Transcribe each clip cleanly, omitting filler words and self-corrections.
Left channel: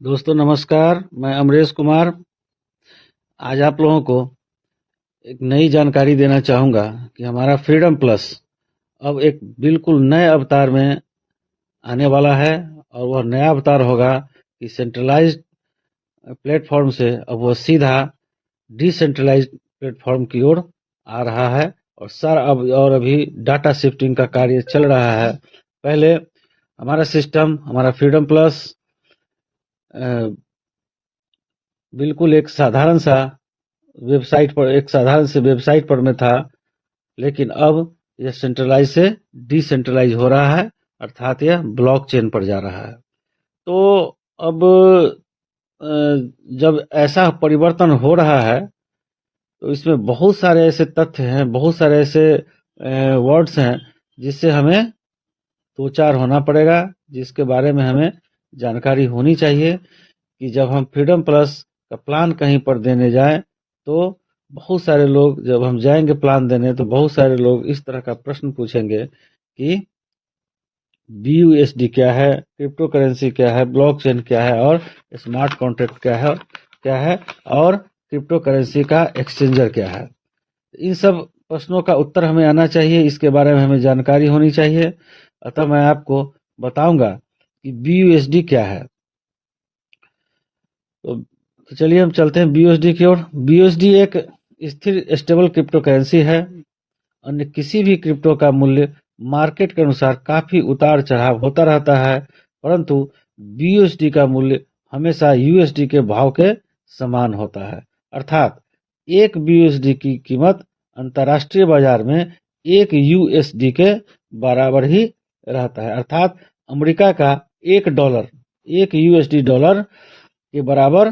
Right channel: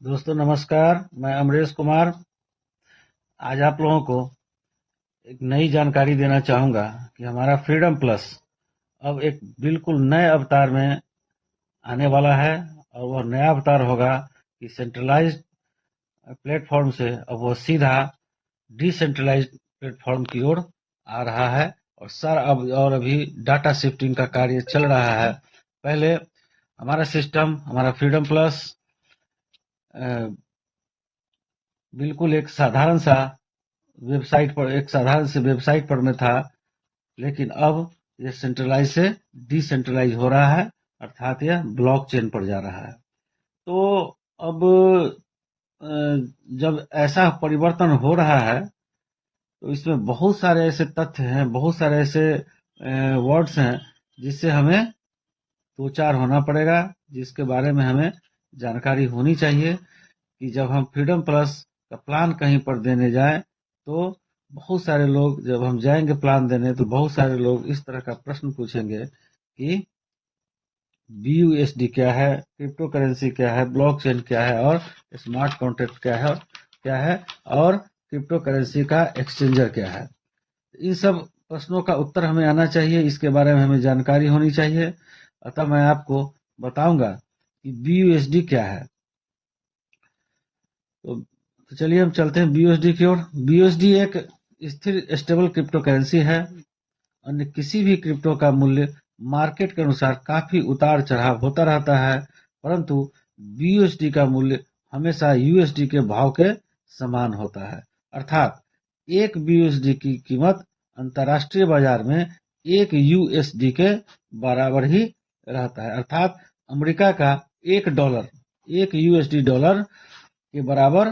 दोस्तों नमस्कार, मैं अमरेश कुमार आज आप लोगों को एक नई जानकारी देना चाहूँगा कि हमारा फ्रीडम प्लस अब एक बिल्कुल नए अवतार में आने वाला है और वह नया अवतार होगा कि सेंट्रलाइज्ड प्लेटफॉर्म से अब वह सीधा डिसेंट्रलाइज्ड प्लेटफॉर्म की ओर आ रहा है और अभी डाटा शिफ्टिंग का कार्य चल रहा है। पहले हमारा सिस्टम, हमारा फ्रीडम प्लस बिल्कुल एक साधारण सी वेबसाइट पर में था, लेकिन अब यह सेंट्रलाइज से डिसेंट्रलाइज हो रहा है, अर्थात यह ब्लॉकचेन पर जा रहा है। तो अब जब ऐसा परिवर्तन हो रहा है तो इसमें बहुत सारे ऐसे तथ्य हैं, बहुत सारे ऐसे वर्ड्स हैं जिससे हमें दो चार होना पड़ेगा, जिसके बारे में हमें जानकारी होनी चाहिए कि जब हम फ्रीडम प्लस का प्लान कहीं पर देने जाएं तो बहुत सारे लोग, जब हम जाएंगे प्लान देने तो बहुत सारे लोग इस तरह का प्रश्न पूछेंगे कि BUSD क्या है, क्रिप्टो करेंसी क्या है, ब्लॉकचेन क्या है और स्मार्ट कॉन्ट्रैक्ट क्या है और क्रिप्टो करेंसी का एक्सचेंजर क्या है। इन सब प्रश्नों का उत्तर हमें आना चाहिए, इसके बारे में हमें जानकारी होनी चाहिए। अतः मैं आपको बताऊंगा कि BUSD क्या है। तो चलिए हम चलते हैं BUSD की ओर। BUSD एक स्थिर स्टेबल क्रिप्टो करेंसी है। अन्य किसी भी क्रिप्टो का मूल्य मार्केट के अनुसार काफी उतार चढ़ाव होता रहता है, परंतु BUSD का मूल्य हमेशा USD के भाव के समान होता है। अर्थात एक BUSD की कीमत अंतर्राष्ट्रीय बाजार में एक USD के बराबर ही रहता है। अर्थात अमेरिका का एक USD डॉलर के बराबर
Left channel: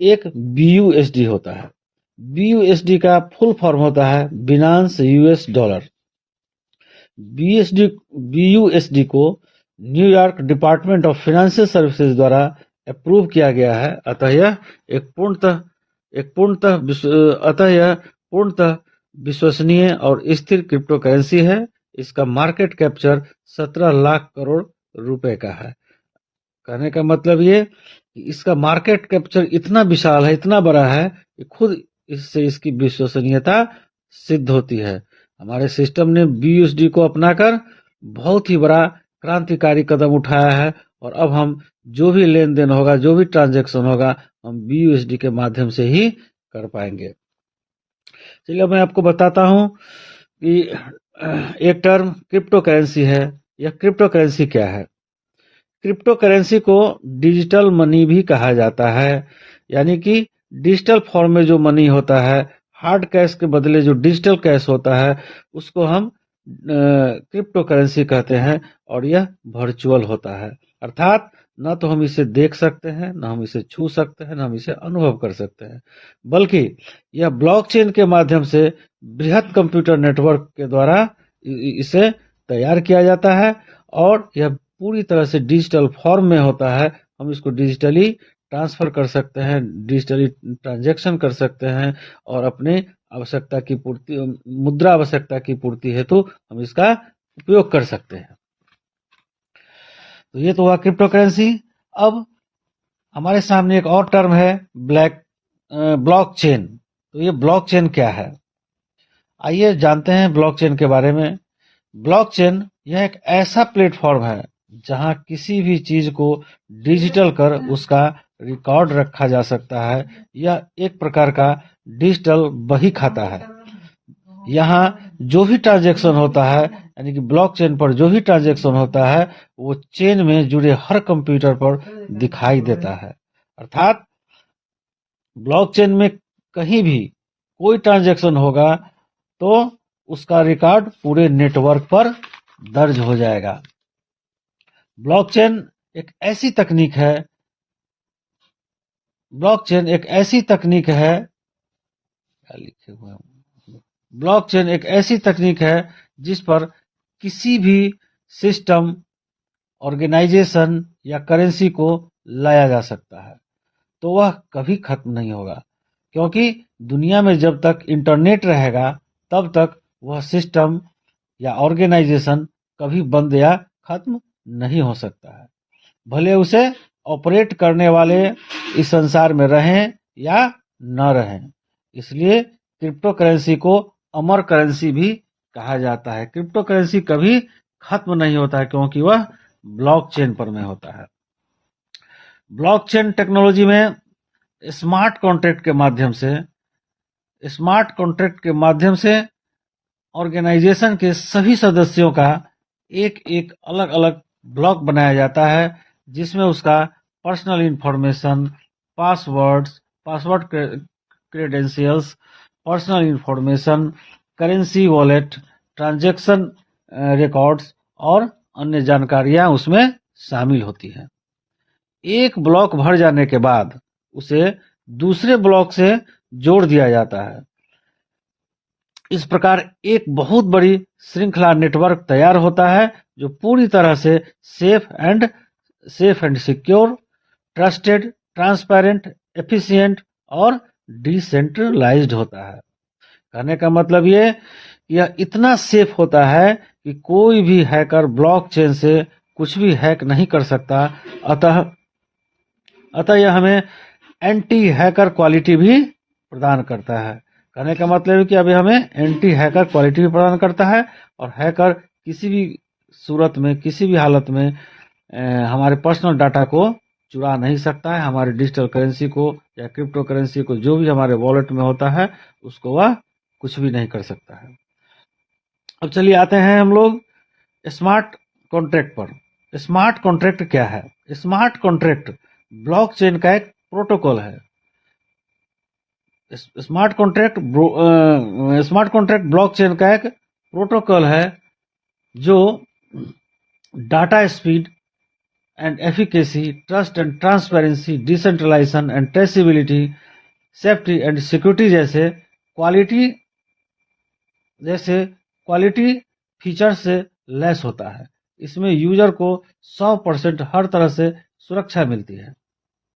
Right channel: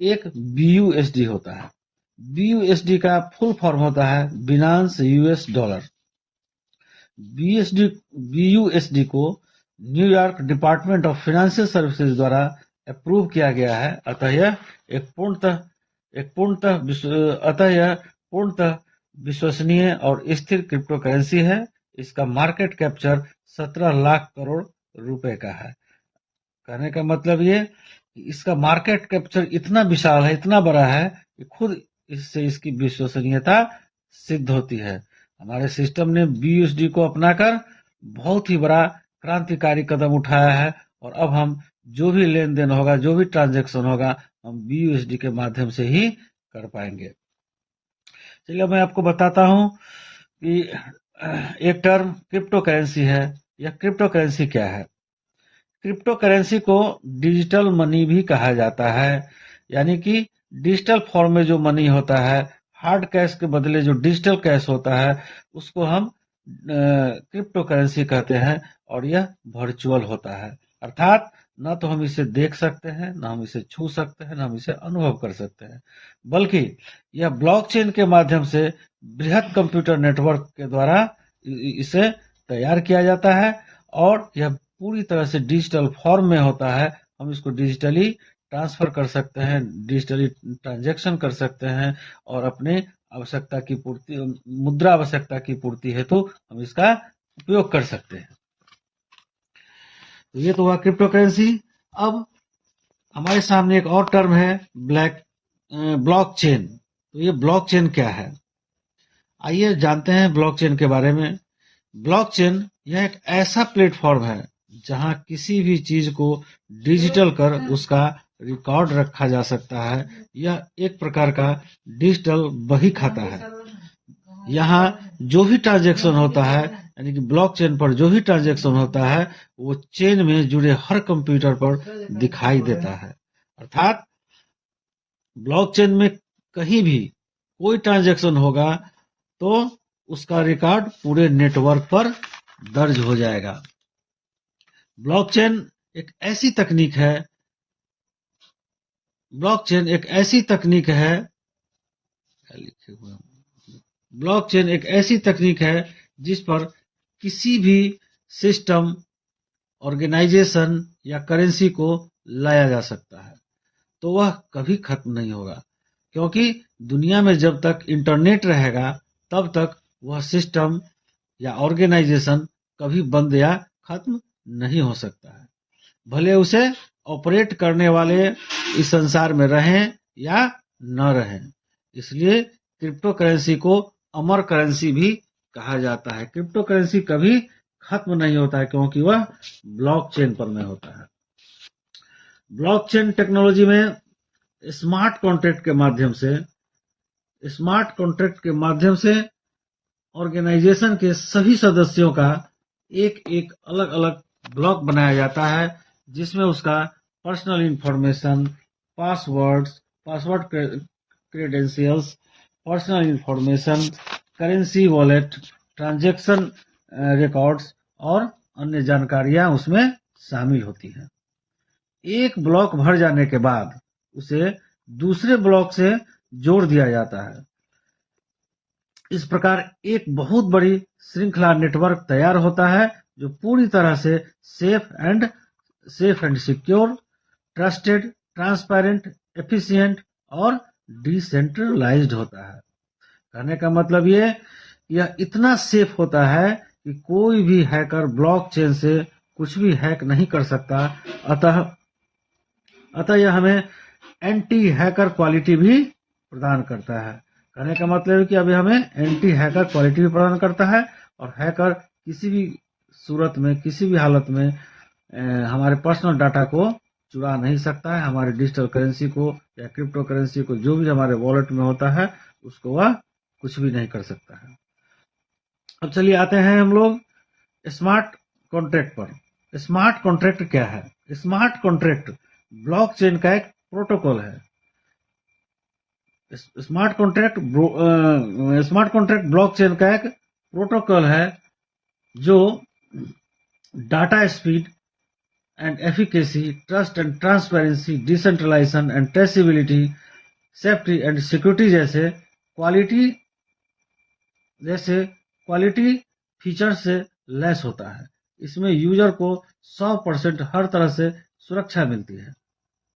एक BUSD होता है। BUSD का फुल फॉर्म होता है बिनांस US डॉलर। BUSD को New York department of financial services द्वारा अप्रूव किया गया है। अतः यह पूर्णतः विश्वसनीय और स्थिर क्रिप्टो करेंसी है। इसका मार्केट कैप्चर 17 लाख करोड़ रुपए का है। कहने का मतलब ये कि इसका मार्केट कैप्चर इतना विशाल है, इतना बड़ा है कि खुद इससे इसकी विश्वसनीयता सिद्ध होती है। हमारे सिस्टम ने BUSD को अपनाकर बहुत ही बड़ा क्रांतिकारी कदम उठाया है और अब हम जो भी लेन देन होगा, जो भी ट्रांजैक्शन होगा, हम BUSD के माध्यम से ही कर पाएंगे। चलिए मैं आपको बताता हूँ कि एक टर्म क्रिप्टो करेंसी है। यह क्रिप्टो करेंसी क्या है? क्रिप्टो करेंसी को डिजिटल मनी भी कहा जाता है, यानी कि डिजिटल फॉर्म में जो मनी होता है, हार्ड कैश के बदले जो डिजिटल कैश होता है, उसको हम क्रिप्टो करेंसी कहते हैं और यह वर्चुअल होता है। अर्थात न तो हम इसे देख सकते हैं, न हम इसे छू सकते हैं, न हम इसे अनुभव कर सकते हैं, बल्कि यह ब्लॉकचेन के माध्यम से बृहद कंप्यूटर नेटवर्क के द्वारा इसे तैयार किया जाता है और यह पूरी तरह से डिजिटल फॉर्म में होता है। हम इसको डिजिटली ट्रांसफर कर सकते हैं, डिजिटली ट्रांजैक्शन कर सकते हैं और अपने मुद्रा आवश्यकता की पूर्ति हेतु हम इसका उपयोग कर सकते हैं। तो ये तो हुआ क्रिप्टो करेंसी। अब हमारे सामने एक और टर्म है ब्लॉकचेन। तो ये ब्लॉकचेन क्या है? आइए जानते हैं ब्लॉकचेन के बारे में। ब्लॉकचेन यह एक ऐसा प्लेटफॉर्म है जहां किसी भी चीज को डिजिटल कर उसका रिकॉर्ड रखा जा सकता है। यह एक प्रकार का डिजिटल बही खाता है। यहाँ जो भी ट्रांजैक्शन होता है, यानी कि ब्लॉकचेन पर जो भी ट्रांजैक्शन होता है, वो चेन में जुड़े हर कंप्यूटर पर दिखाई देता है। अर्थात ब्लॉकचेन में कहीं भी कोई ट्रांजैक्शन होगा तो उसका रिकॉर्ड पूरे नेटवर्क पर दर्ज हो जाएगा। ब्लॉकचेन एक ऐसी तकनीक है ब्लॉकचेन एक ऐसी तकनीक है ब्लॉकचेन एक ऐसी तकनीक है जिस पर किसी भी सिस्टम, ऑर्गेनाइजेशन या करेंसी को लाया जा सकता है, तो वह कभी खत्म नहीं होगा, क्योंकि दुनिया में जब तक इंटरनेट रहेगा तब तक वह सिस्टम या ऑर्गेनाइजेशन कभी बंद या खत्म नहीं हो सकता है। भले उसे ऑपरेट करने वाले इस संसार में रहें या न रहें। इसलिए क्रिप्टो करेंसी को अमर करेंसी भी कहा जाता है। क्रिप्टो करेंसी कभी खत्म नहीं होता है क्योंकि वह ब्लॉकचेन पर में होता है। ब्लॉकचेन टेक्नोलॉजी में स्मार्ट कॉन्ट्रैक्ट के माध्यम से ऑर्गेनाइजेशन के सभी सदस्यों का एक एक अलग अलग ब्लॉक बनाया जाता है, जिसमें उसका personal information, password credentials, personal information, currency wallet, transaction records और अन्य जानकारियां उसमें शामिल होती हैं। एक ब्लॉक भर जाने के बाद उसे दूसरे ब्लॉक से जोड़ दिया जाता है। इस प्रकार एक बहुत बड़ी श्रृंखला नेटवर्क तैयार होता है जो पूरी तरह से safe and secure, trusted, transparent, efficient और डिसेंट्रलाइज्ड होता है। कहने का मतलब यह इतना सेफ होता है कि कोई भी हैकर ब्लॉकचेन से कुछ भी हैक नहीं कर सकता। अतः यह हमें एंटी हैकर क्वालिटी भी प्रदान करता है। कहने का मतलब है कि अभी हमें एंटी हैकर क्वालिटी भी प्रदान करता है और हैकर किसी भी सूरत में, किसी भी हालत में हमारे पर्सनल डाटा को चुरा नहीं सकता है। हमारे डिजिटल करेंसी को या क्रिप्टो करेंसी को, जो भी हमारे वॉलेट में होता है, उसको वह कुछ भी नहीं कर सकता है। अब चलिए आते हैं हम लोग स्मार्ट कॉन्ट्रैक्ट पर। स्मार्ट कॉन्ट्रैक्ट क्या है? स्मार्ट कॉन्ट्रैक्ट ब्लॉकचेन का एक प्रोटोकॉल है। स्मार्ट कॉन्ट्रैक्ट ब्लॉकचेन का एक प्रोटोकॉल है जो data speed and efficacy, trust and transparency, decentralisation and traceability, safety and security जैसे क्वालिटी फीचर से लैस होता है। इसमें यूजर को 100% हर तरह से सुरक्षा मिलती है।